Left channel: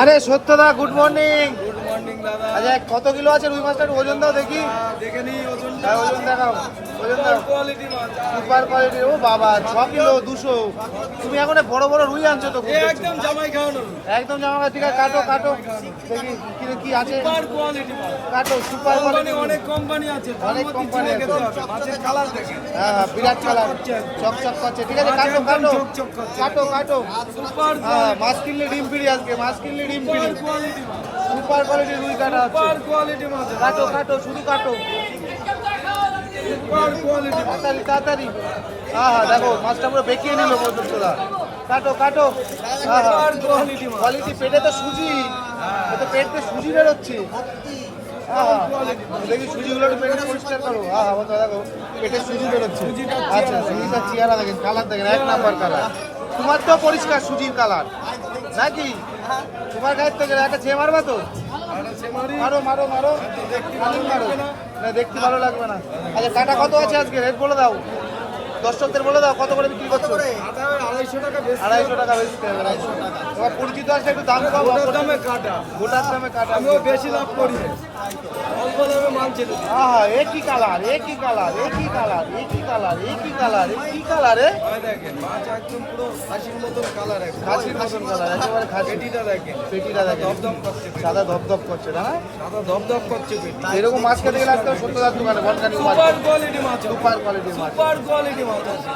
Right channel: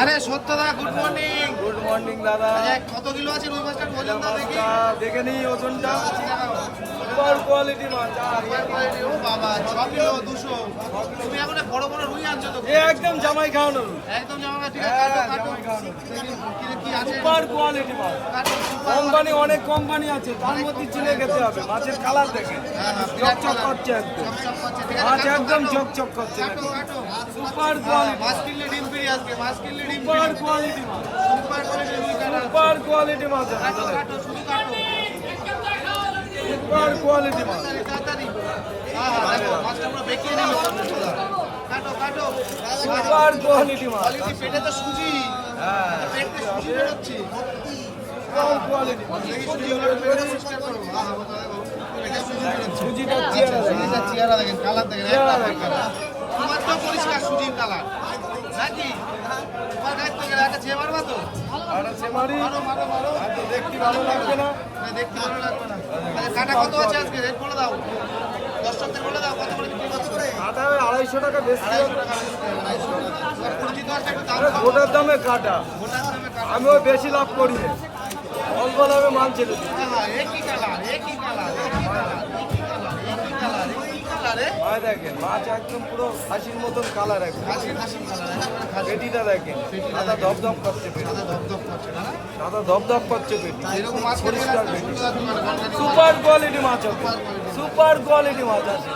আরে সত্যদা good morning. Good morning দাদা। আচ্ছা কত কিলো আছে রুই মাছটার ওজন দাও দেখি। দেখে নিই ওজনটা। ওজন দেখাও। সুপার কোয়ালিটি মাছ। Super quality. ও বাবা 6 কিলো 200। তুমি এখন বড় বড় রুই আনছো তো? একদম জামাই খাওয়ানো। একদম জামা। ঠিক আছে কাটো কাটো দেখি কি আছে। সুপার কোয়ালিটি মাছ। কাটো সুপার কোম্পানি অনেক কোম্পানি আছে, তার মধ্যে চিনে খেতে হবে। মাছের কালার দেখে বিরাট চকচক কালার করছে একদম। চকচক করছে। ঠিক মাছ আছে একদম চকচক করছে। কাটো কাটো। Super quality. মাছ কিনলে ডিম ফিরি আসবে। মাছ কিনলে ডিম সুপার ফিরি। কোয়ালিটি মাছ। সুপার কোয়ালিটি রুই কাটা আছে। সুপার কোয়ালিটি মাছ। কাটো কাটো শুধু কাটো। সুপার কোয়ালিটি মাছ। তাড়াতাড়ি তাড়াতাড়ি। হ্যাঁ হ্যাঁ দেখো মাছটা পুরো বেঁকিয়ে নিল পর্যন্ত। কাটো কাটো। সুপার কোয়ালিটি মাছ। কোয়ালিটি। পেটে তো সুজি। তো পেটে সুজি বেরোচ্ছে। দেখি সুজিগুলো একটু পেটে পরিষ্কার করো। হ্যাঁ হ্যাঁ দেখো পেটে সুজি বেরোচ্ছে। সুজিটা আচ্ছা, সুজিটা চেহারা দেখেন, কালার দেখেন, এক নাম্বার কালার। তোমার তো পরিষ্কার সুজির কালার নাকি? তোমার গায়ের থেকে একটা ছে মারবা তো? মারো মারো মারো। দেখতে ভালো লাগবে না। না দেখতে ভালো লাগবে না। আচ্ছা কাটা কত আছে আজকে? রেট বলে দাও, দর্শকদের বলে দাও কত করে বিক্রি করছো? আটা 250 টাকা বেশি। 250 টাকা বেশি। তোমার পুরকি তো আছে একটু দাম কম। গোটার দামে কাটা। গোটার দামে কাটা। আমিও বেশি লাভ করি না। অল্প দামে মাল ছেড়ে দিই। আহা একই কালার একই কালার একই কালার একই কালার একই কালার একই কালারে। ভাই দেখেন মাছ একদম পুরো খাসির মতন কালার একদম। খাসির মতন কালার একেবারে খাসি। পেটিটা দেখেন। পেটিটা সাদা দেখেন। ধপধপ করছে পেটি। সাদা ধপধপ করছে না? সাদা ধপধপ করছে পেটি। এরকম মাছ খেতে গেলে আজকাল সত্যদার দোকানে বনগানি সুপার কোয়ালিটি মাছ আছে। সুপার কোয়ালিটি মাছ। সুপার কোয়ালিটি মাছ আছে।